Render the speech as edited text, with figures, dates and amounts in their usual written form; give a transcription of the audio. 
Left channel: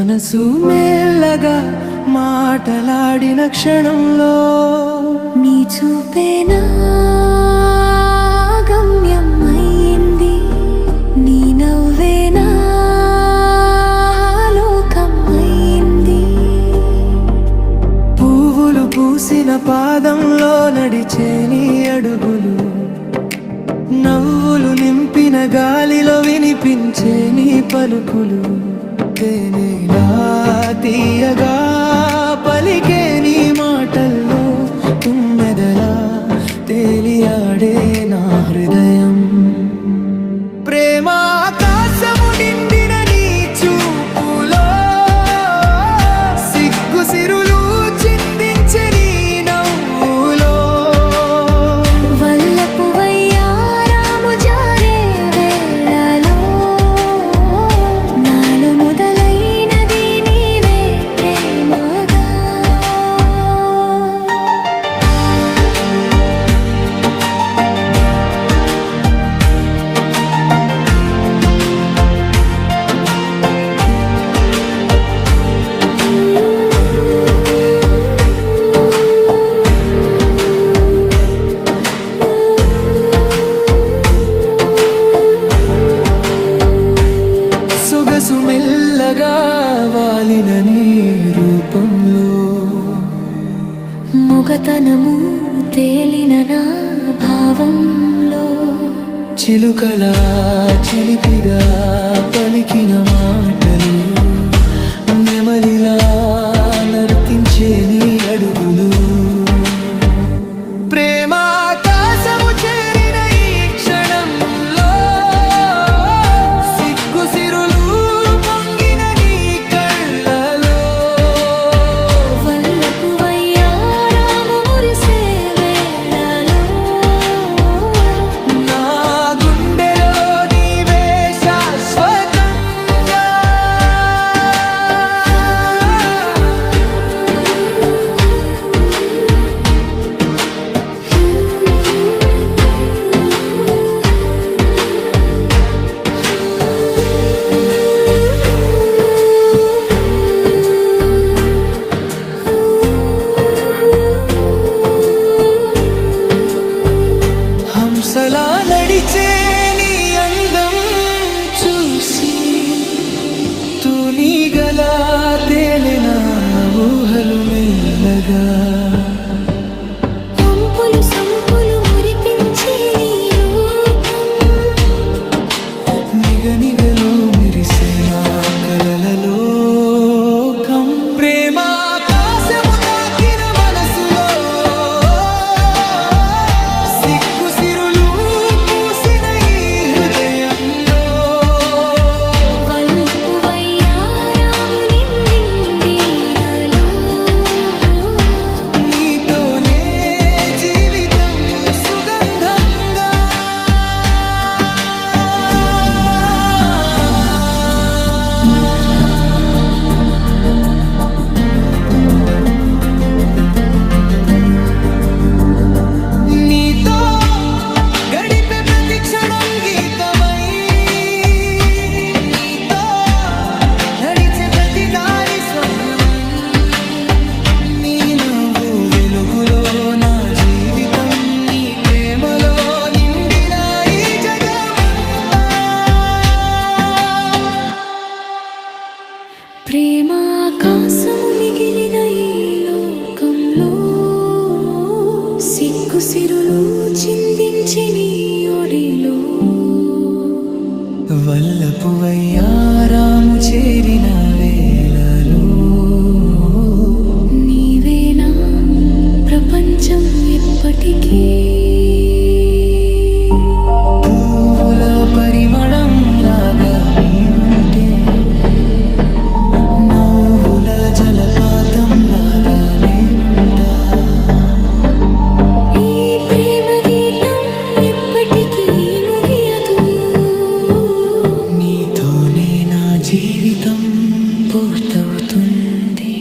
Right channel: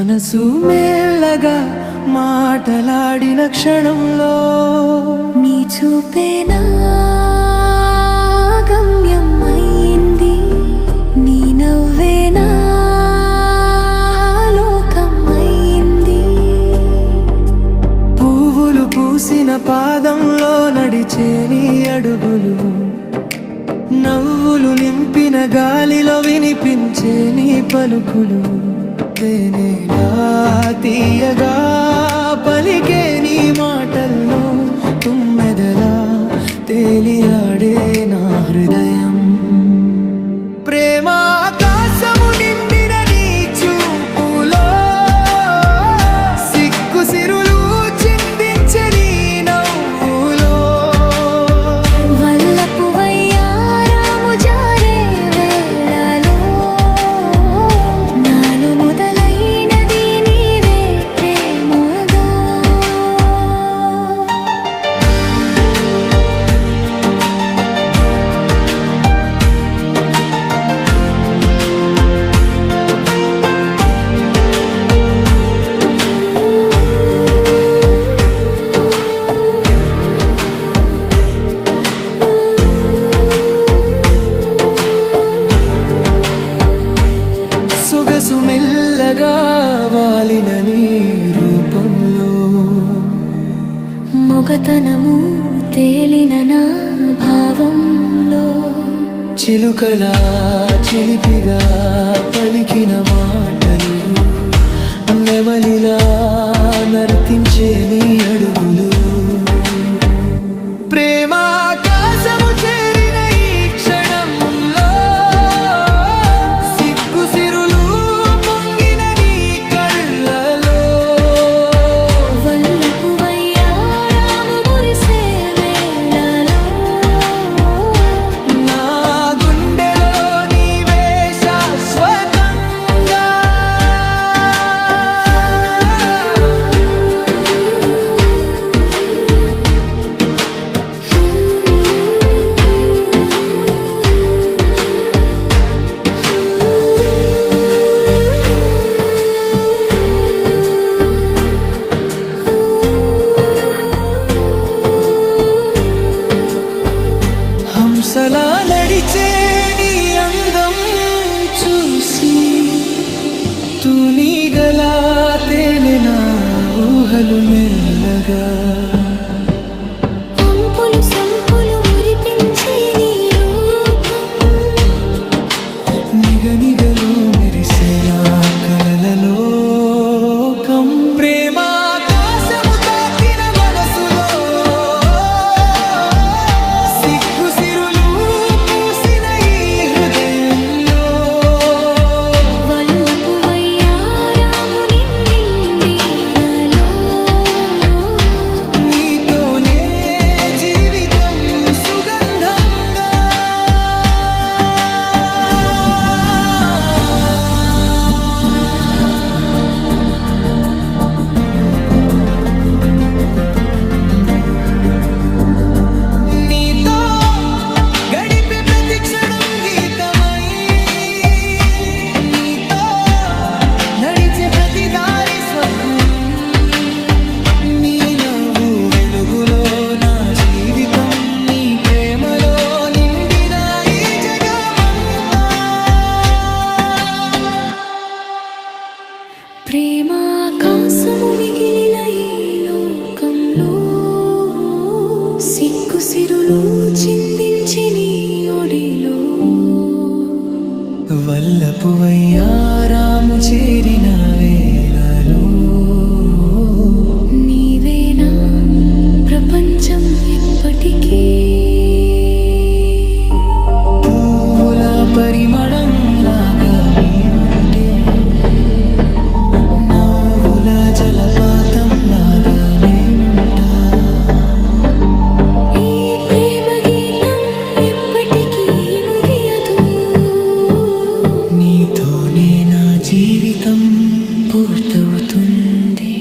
మనసు మెల్లగా మాటలాడిన క్షణంలో నీ చూపేనా గమ్యమైంది, నీ నవ్వేనా లోకమైంది. పువ్వులు పూసిన పాదంలో నడిచే నీ అడుగులు, నవ్వులు నింపిన గాలిలో వినిపించే నీ పలుకులు. తేనెలా తీయగా పలికే నీ మాటల్లో తుమ్మెదలా తేలియాడే నా హృదయం. ప్రేమ ఆకాశము నిండిన నీ చూపులో సిగ్గు సిరులు చిందించే నీ నవ్వులో. వల్లపు వయ్యారాము జారే వేళలో నాలో మొదలైనది నీవే ప్రేమగా. సొగసు మెల్లగా వాలిన నీ రూపంలో, మొగతనము తేలిన నా భావంలో. చిలుకలా చిలిపిగా పలికిన మాటలు, నెమలిలా నర్తించే నీ అడుగులు. ప్రేమ ఆకాశము చేరిన ఈ క్షణంలో సిగ్గు సిరులు పొంగిన నీ కళ్ళలో. వల్లపు వయ్యారాము మురిసే వేళలో నా గుండెలో నీవే శాశ్వతంగా. హంసలా నడిచే నీ అందం చూసి తూనీగలా తేలిన ఊహలు మెల్లగా. పంపులు సంపులు మురిపించే నీ రూపం, నిగనిగలు మెరిసే నా కలలలో కం. ప్రేమ ఆకాశము తాకిన మనసులో సిగ్గు సిరులు పూసిన ఈ హృదయంలో. వల్లపు వయ్యారాము నిండిండిలలో నీతోనే జీవితం సుగంధంగా. నీతో గడిపే ప్రతి క్షణం గీతమై, నీతో నడిచే ప్రతి దారి స్వప్నమై. నీ నవ్వు వెలుగులో నా జీవితం, నీ ప్రేమలో నిండిన ఈ జగమంతా. ప్రేమాకాశము మిగిలిన ఈ లోకంలో సిగ్గు సిరులు చిందించి నీ ఒడిలో. వల్లపు వయ్యారాము చేరిన వేళలో నీవేనా ప్రపంచం ఎప్పటికీ. పువ్వుల పరిమళం లాగా నీవుంటే, నవ్వుల జలపాతం లాగా నేనుంటా. ఈ ప్రేమ గీతం ఎప్పటికీ ముగియదు, నీతోనే నా జీవితం పూర్తవుతుంది.